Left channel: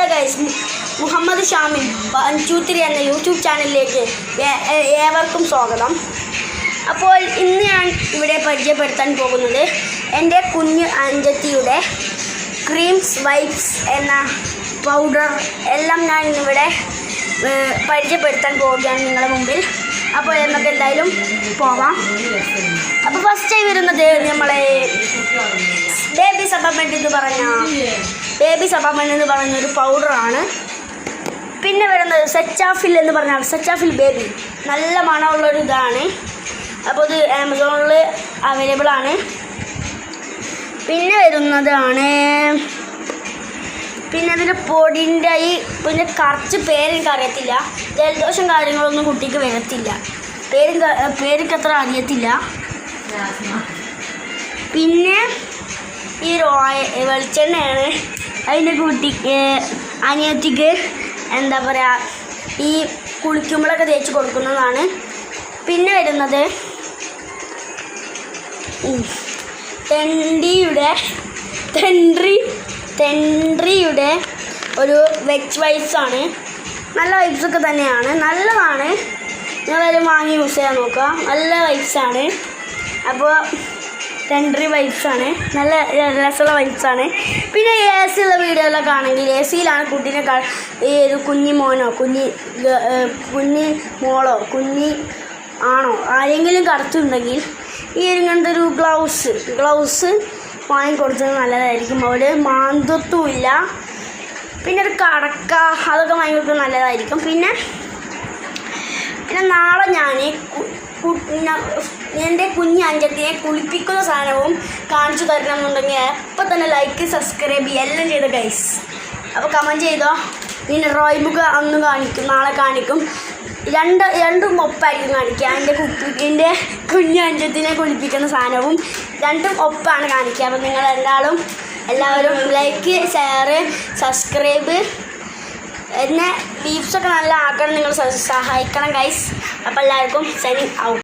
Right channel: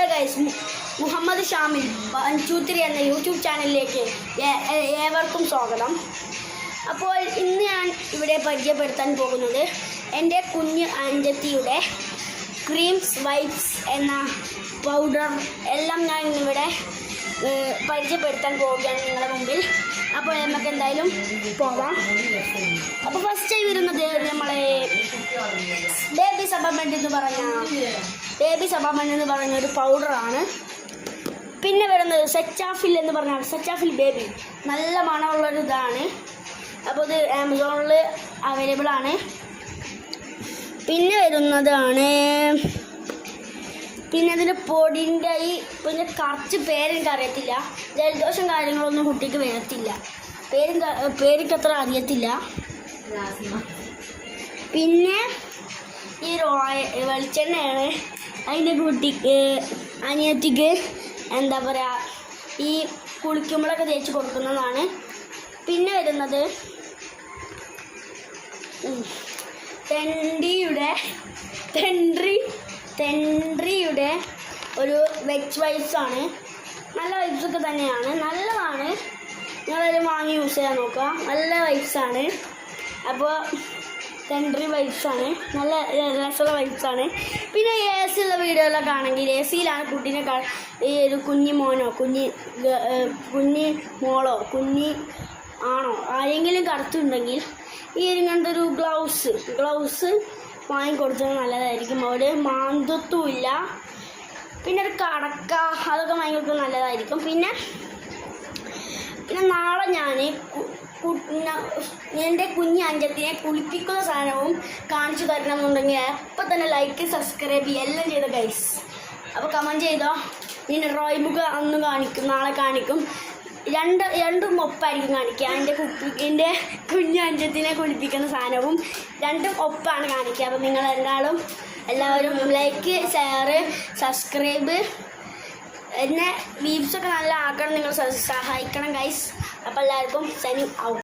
Hello guys, Muhammad Shamil 1 2 3 എന്ന YouTube ചാനലിലേക്ക് ഏവർക്കും സ്വാഗതം. അപ്പോൾ ഇന്ന് ഞാൻ ഇവിടെ പരിചയപ്പെടുത്താൻ പോകുന്നത് എൻ്റെ കുഞ്ഞ് അഞ്ചത്തിയുടെ ക്രീംസ് വൈപ്സ് എന്ന പൗഡർ എല്ലാം ഞാൻ ഇന്നിവിടെ പരിചയപ്പെടുത്താൻ പോവുകയാണ് നിങ്ങളുടെ മുമ്പിൽ. അപ്പോൾ നമുക്ക് എന്തായാലും പോവാം. അപ്പോൾ ഫസ്റ്റ് ടൈം വരുന്നത് നമ്മളെ ബേബി സബാമെൻ്റ് എന്ന് പറഞ്ഞ ഒരു പൗഡറാണ്. പിന്നെ വരുന്നത് സെറ്റാഫിൽ എന്ന് പറഞ്ഞാൽ സെറ്റാഫിൽ ബേബി, നല്ല മണമുള്ളൊരു ഇതാണ്. അപ്പോൾ ഇത് ആമസോണിൽ അവൈലബിൾ ആണ്. പിന്നെ വരുന്നതാണ് അതിൻ്റെ പൊടിൻ്റെ പിന്നെ കുറച്ച് പേരെനിക്ക് അറിയത്തില്ല. ജലദോഷം കാര്യങ്ങളൊന്നും കുട്ടിക്ക് വരത്തില്ല, പേരൊക്കെ അത്ര അറിയത്തില്ല. പിന്നെ ഈ വെളിച്ചെണ്ണയാണ് അതിൻ്റെ കുട്ടിക്ക് അനിയത്തിക്ക് എന്താ പറയുക ഈ കുളിക്കുമ്പോഴൊക്കെ തേച്ച് കൊടുക്കുന്നതാണ്. പിന്നെ വരുന്നത് തെൻട്രിയുടെ ഒരു വെച്ച് വൈപ്സ് ആണ്. നല്ല വൈപ്സൊക്കെ തന്നെയാണ്, നല്ലതാണ്. നിങ്ങളത് വാങ്ങി യൂസ് ചെയ്യാൻ നോക്കുക, നല്ല വൈപ്സാണ്. അപ്പോൾ തെൻട്രി വൈപ്സാണ്, നല്ല രസമുള്ള വൈപ്സാണ്. പിന്നെ എ സി ഉള്ള വീഡിയോയിലൊക്കെ ആണെങ്കിൽ എ സിയിലാണ് കുട്ടീനെ ഈ ഒരു കുഞ്ഞി മോനോ കുഞ്ഞി മോളോ ആണോ ആരെങ്കിലും കറുത്തുണ്ടെങ്കിൽ ഈ ഇങ്ങനത്തെ ഒരു ഗ്ലൗസ് വാങ്ങിക്കൊടുത്തത് നല്ലതായിരിക്കും. അവിടെ മാന്തത്വമില്ല. പിന്നെ ഒരു കടക്ക അതൊക്കെ വാങ്ങിക്കൊടുത്തത് നല്ലതായിരിക്കും. പിന്നെ നാളെ ഞാൻ എൻ്റെ കുഞ്ഞ് അഞ്ചത്തിനെ കുളിപ്പിക്കുന്ന സാധനവും കാണിച്ചു തരണമെന്നുണ്ടെങ്കിൽ അപ്പം തന്നെ ലൈക്ക് സബ്സ്ക്രൈബ് എല്ലാം ചെയ്ത ഗൈസ്. അപ്പോൾ കമൻറ്റ് ചെയ്തോ. പിന്നെ ഡ്രോയിങ് ബുക്ക് അന്ന് കാണിക്കും, നാളെ കാണിക്കും. രണ്ടും ഒപ്പായിരിക്കും കാണിക്കുക. എൻ്റെ കുഞ്ഞ് അഞ്ചത്തിനെ കുളിപ്പിക്കുന്ന സാധനവും രണ്ടും ഒപ്പാണ് കാണിക്കുക. അപ്പോൾ നിങ്ങൾ എല്ലാവരും ലൈക്ക്, ഷെയർ, സബ്സ്ക്രൈബ് എന്നെ വീപ്സൊക്കെ നല്ല ആക്കണം. നിങ്ങൾ സഹായിക്കണം ഗൈസ്. അപ്പോൾ എല്ലാവർക്കും സൈനിങ് ഔട്ട്.